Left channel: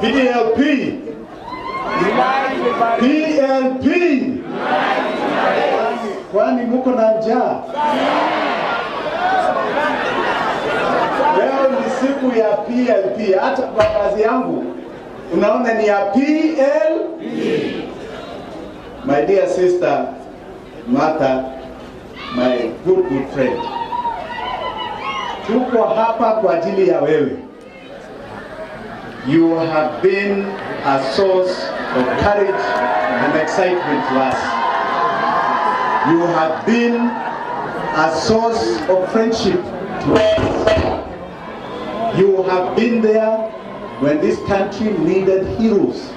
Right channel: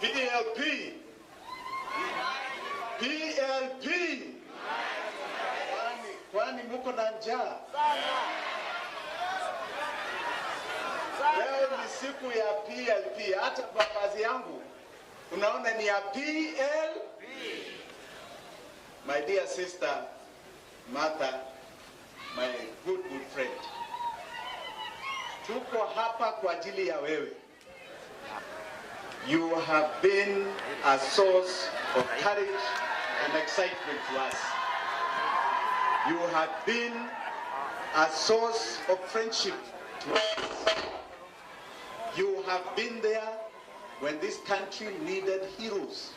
PLP. PLP. Kwani muko na njaa? Leo ni siku ya PLP. Hata baadhi yangu unaona ni ya PLP. My dear sister Martha, my good friend, tuko hapa kwa ajili ya wewe. You have been a source of courage and excitement to us. You have been a source of friendship to us. You have been there when this country needed heroes.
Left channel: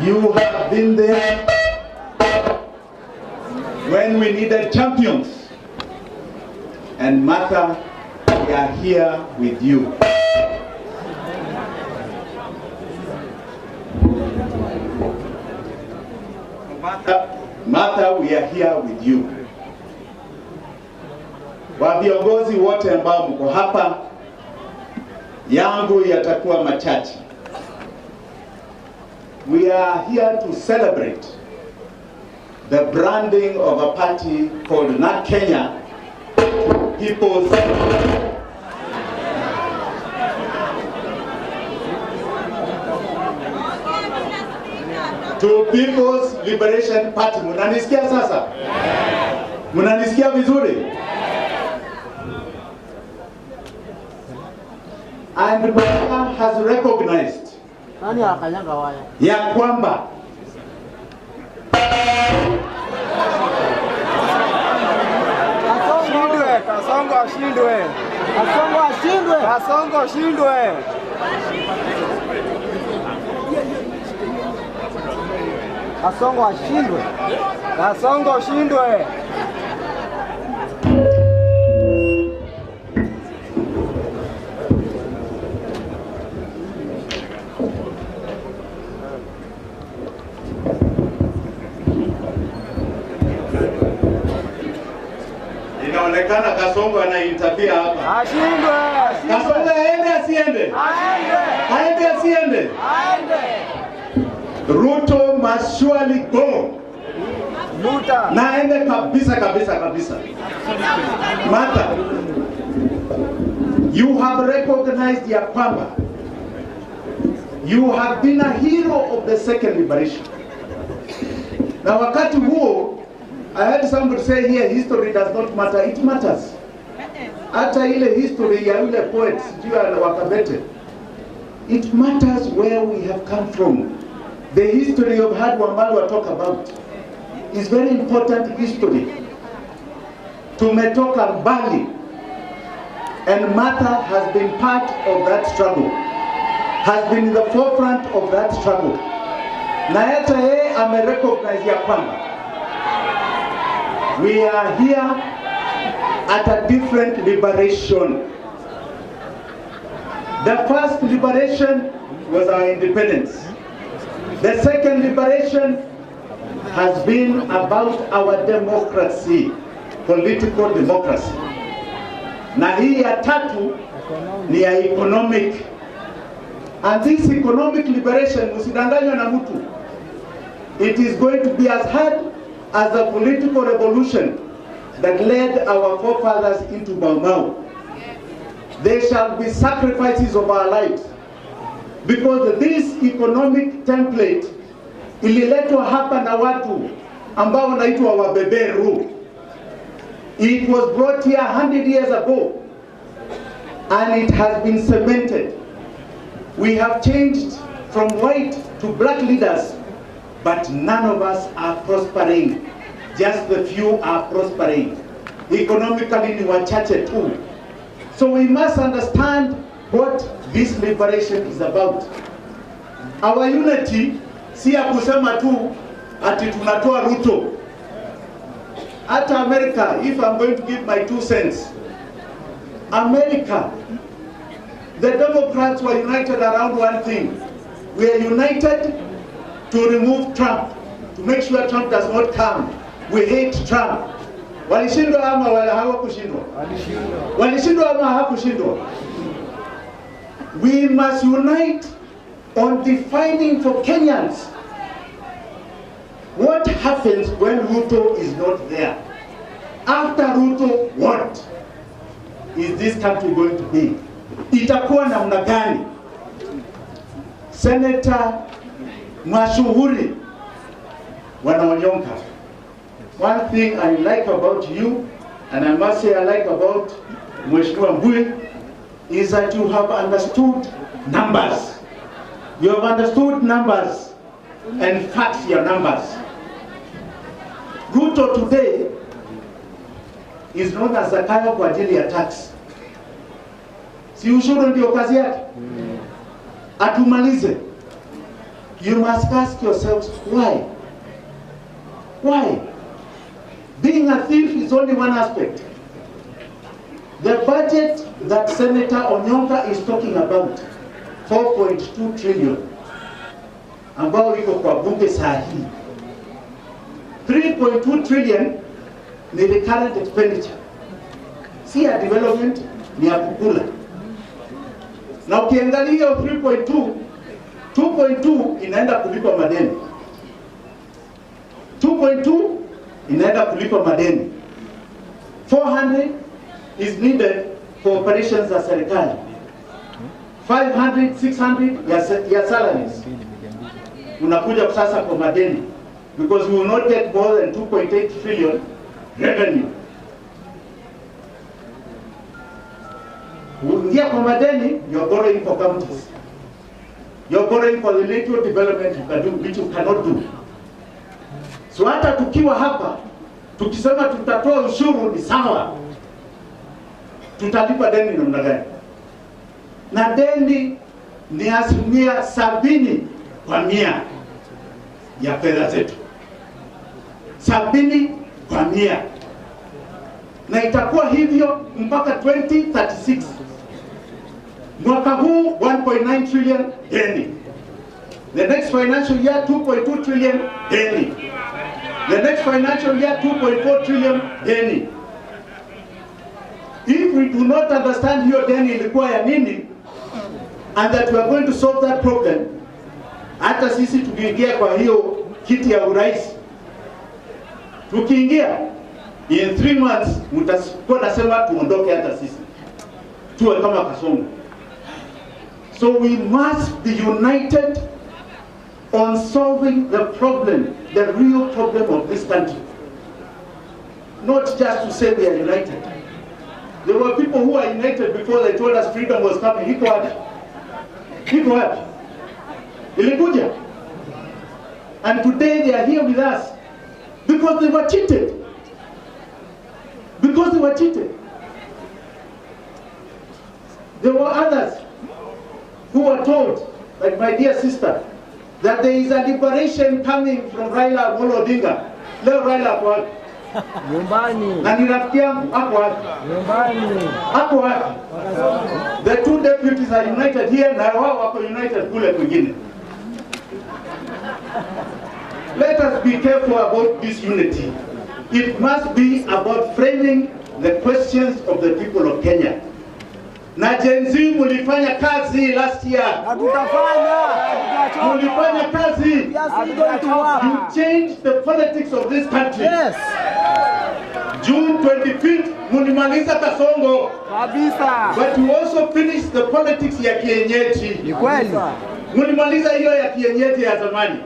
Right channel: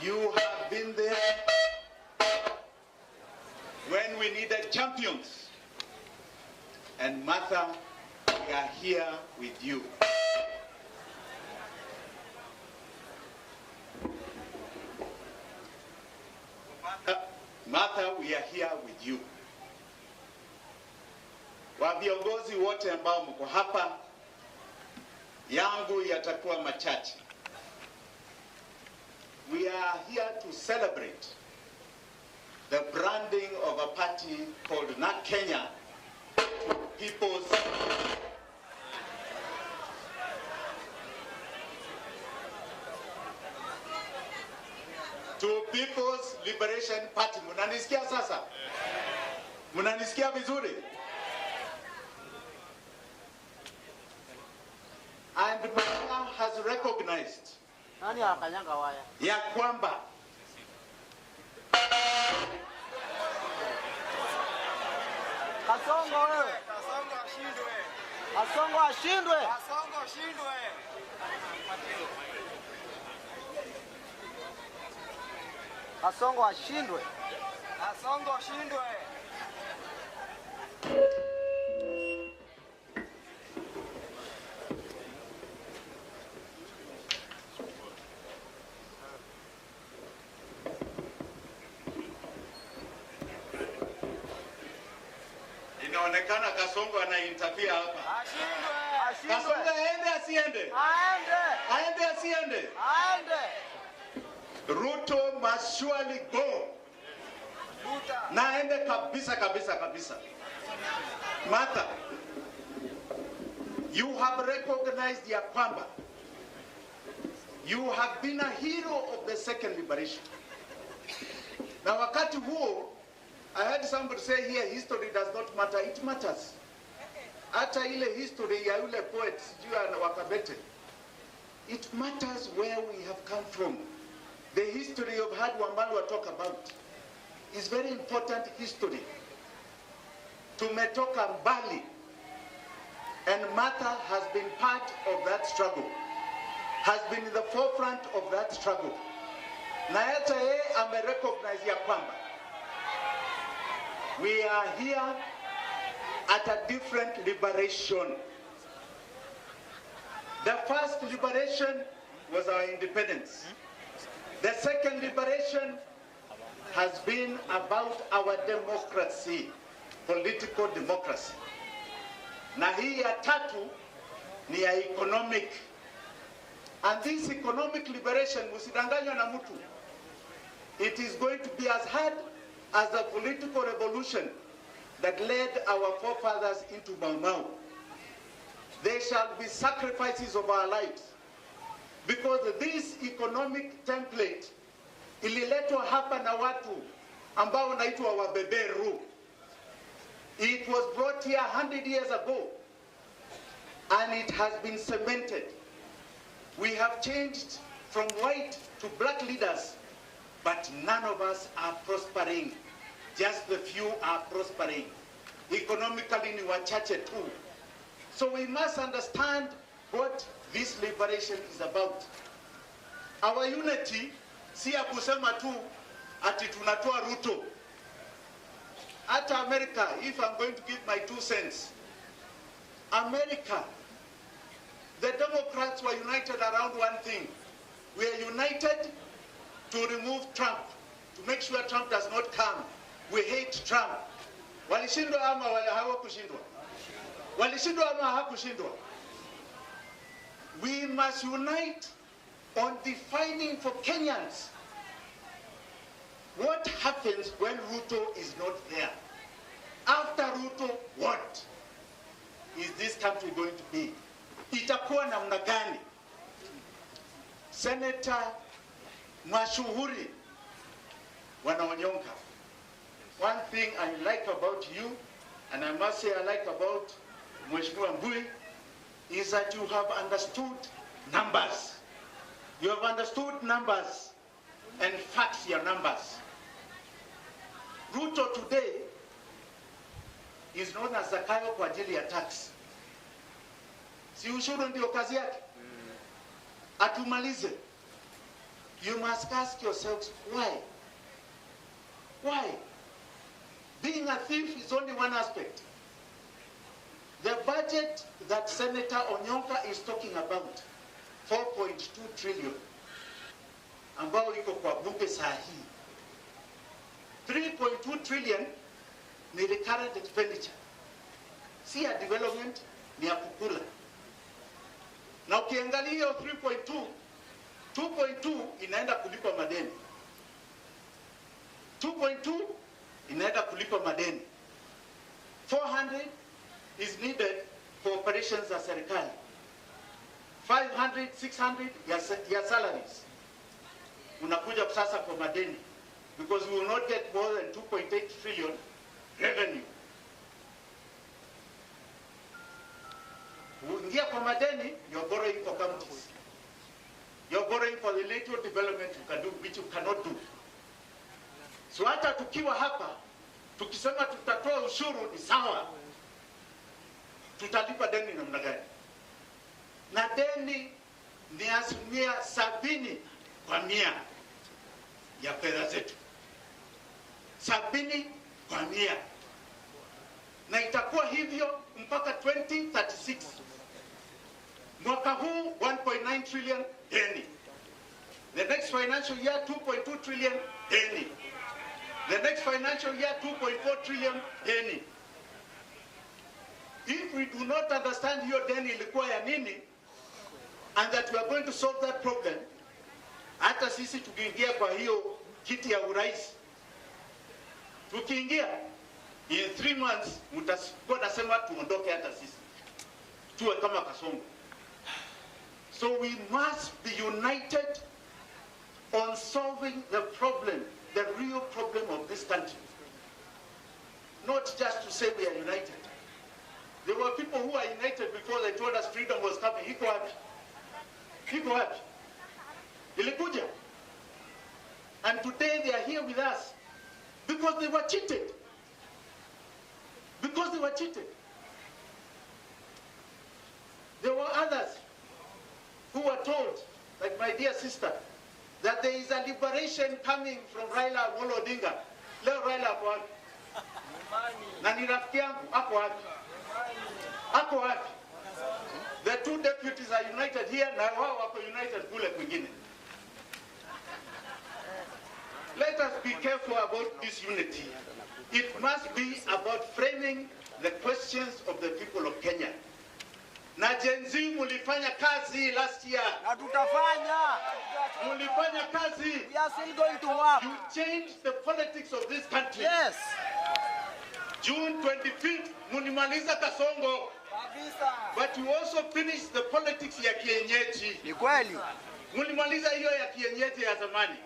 You have been there when we needed champions. And Martha, we are here with you. Martha, we are here with you. Wa viongozi wote ambao mko hapa, yangu yatakuwa machache. We are here to celebrate the branding of a party called NARC Kenya, People's People's Liberation Party. Munanisikia sasa? Munanisikia vizuri? And Martha has recognized ya kwamba Kasongo ashindwe. Inaonekana Kasongo anainterfere hapa. Ashindwe. Kasongo aende asiende? Aende asiende? Ruto must surely go. Na aende kabisa. Martha, you have recognized ya kwamba you have been a hero of the second liberation. Na wakati huo, I heard somebody say here, history does not matter. It matters. Hata ile history ya yule poet, sijui Wakabete, it matters where we have come from. The history of Had Wamalwa talk about is very important history. Tumetoka mbali, and Martha has been part of that struggle, has been in the forefront of that struggle. Na hata yeye amerecognize ya kwamba we are here at a different liberation. The first liberation was our independence. The second liberation has been about our democracy, political democracy. Na hii ya tatu ni ya economic. And this economic liberation, usidanganywe na mtu, it is going to be as hard as the political revolution that led our forefathers into Mau Mau. There shall be sacrifices of our lives, because this economic template ililetwa hapa na watu ambao wanaitwa wabeberu. It was brought here 100 years ago, and it has been cemented. We have changed from white to black leaders, but none of us are prospering. Just the few are prospering. Economically ni wachache tu. So we must understand what this liberation is about. Our unity si ya kusema tu ati tunatoa Ruto. Hata America, if I'm going to give my 2 cents, America, the Democrats were united around one thing. We are united to remove Trump, to make sure Trump does not come. We hate Trump. Walishindwa ama wala hawakushindwa? Walishindwa ama hawakushindwa? We must unite on defining for Kenyans what happens when Ruto is not there. After Ruto, what is this country going to be? Itakuwa namna gani? Senator mashuhuri Wanyonka, one thing I like about you, and I must say I like about Mheshimiwa Mbui, is that you have understood numbers. You have understood numbers and facts your numbers. Ruto today is known as Zakayo kwa ajili ya tax. Si ushuru ndio kazi yake? Atumalize. You must ask yourselves why? Why? Being a thief is only one aspect. The budget that Senator Onyonka is talking about, 4.2 trillion, ambao iko kwa bunge saa hii. 3.2 trillion ni the current expenditure. Si ya development, ni ya kukula. Na ukiangalia 3.2, 2.2 inaenda kulipa madeni. 2.2 inaenda kulipa madeni. 400 is needed for operations za serikali. 500, 600 ya salaries. Unakuja sasa kwa madeni. Because we will not get more than 2.8 trillion revenue. Uingia kwa madeni, you're borrowing for counties. You're borrowing for the little development you can do, which you cannot do. So hata tukiwa hapa, tukisema tutatoa ushuru ni sawa. Tutalipa deni namna gani? Na deni ni 70% ya fedha zetu. 70%. Na itakuwa hivyo mpaka 2036. Mwaka huu 1.9 trillion deni. The next financial year 2.2 trillion deni. The next financial year 2.4 trillion deni. If we do not understand hiyo deni ilikuwa ya nini, and that we are going to solve that problem, hata sisi tukiingia kwa hiyo kiti ya urais, tukiingia in 3 months mtakuwa nasema tuondoke hata sisi tuwe kama Kasongo. So we must be united on solving the problem, the real problem of this country. Not just to say we are united. There were people who were united before they told us freedom was coming. Iko wapi? Iko wapi? Ilikuja. And today they are here with us because they were cheated. Because they were cheated. There were others who were told, like my dear sister, that there is a liberation coming from Raila Amolo Odinga. Leo Raila hapo wapi? Nyumbani. Na ni rafiki yangu hapo wapi? Nyumbani. Hapo wapi? The two deputies are united here na wao wako united kule kwingine. Let us be careful about this unity. It must be about framing the questions of the people of Kenya. Na Gen Z mulifanya kazi last year. Na tutafanya. Mulifanya kazi. Yes, we going to work. You changed the politics of this country. Yes. June 25th, mulimaliza Kasongo. Kabisa. But you also finished the politics ya kienyeji. Ni kweli. Mulimaliza hiyo ya kienyeji ya zamani.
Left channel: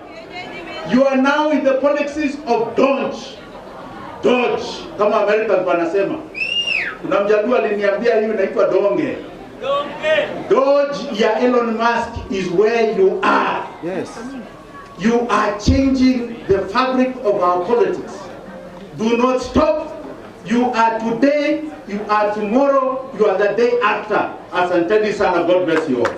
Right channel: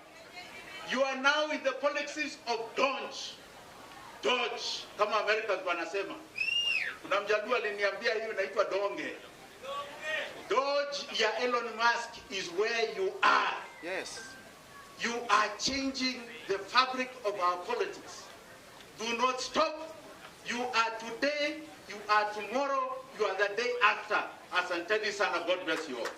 You are now in the politics of Dodge. Dodge, kama Americans wanasema. Kuna mjadua aliniambia hiyo inaitwa donge. Dodge ya Elon Musk is where you are. Yes. You are changing the fabric of our politics. Do not stop. You are today, you are tomorrow, you are the day after. Asanteni sana, God bless you all.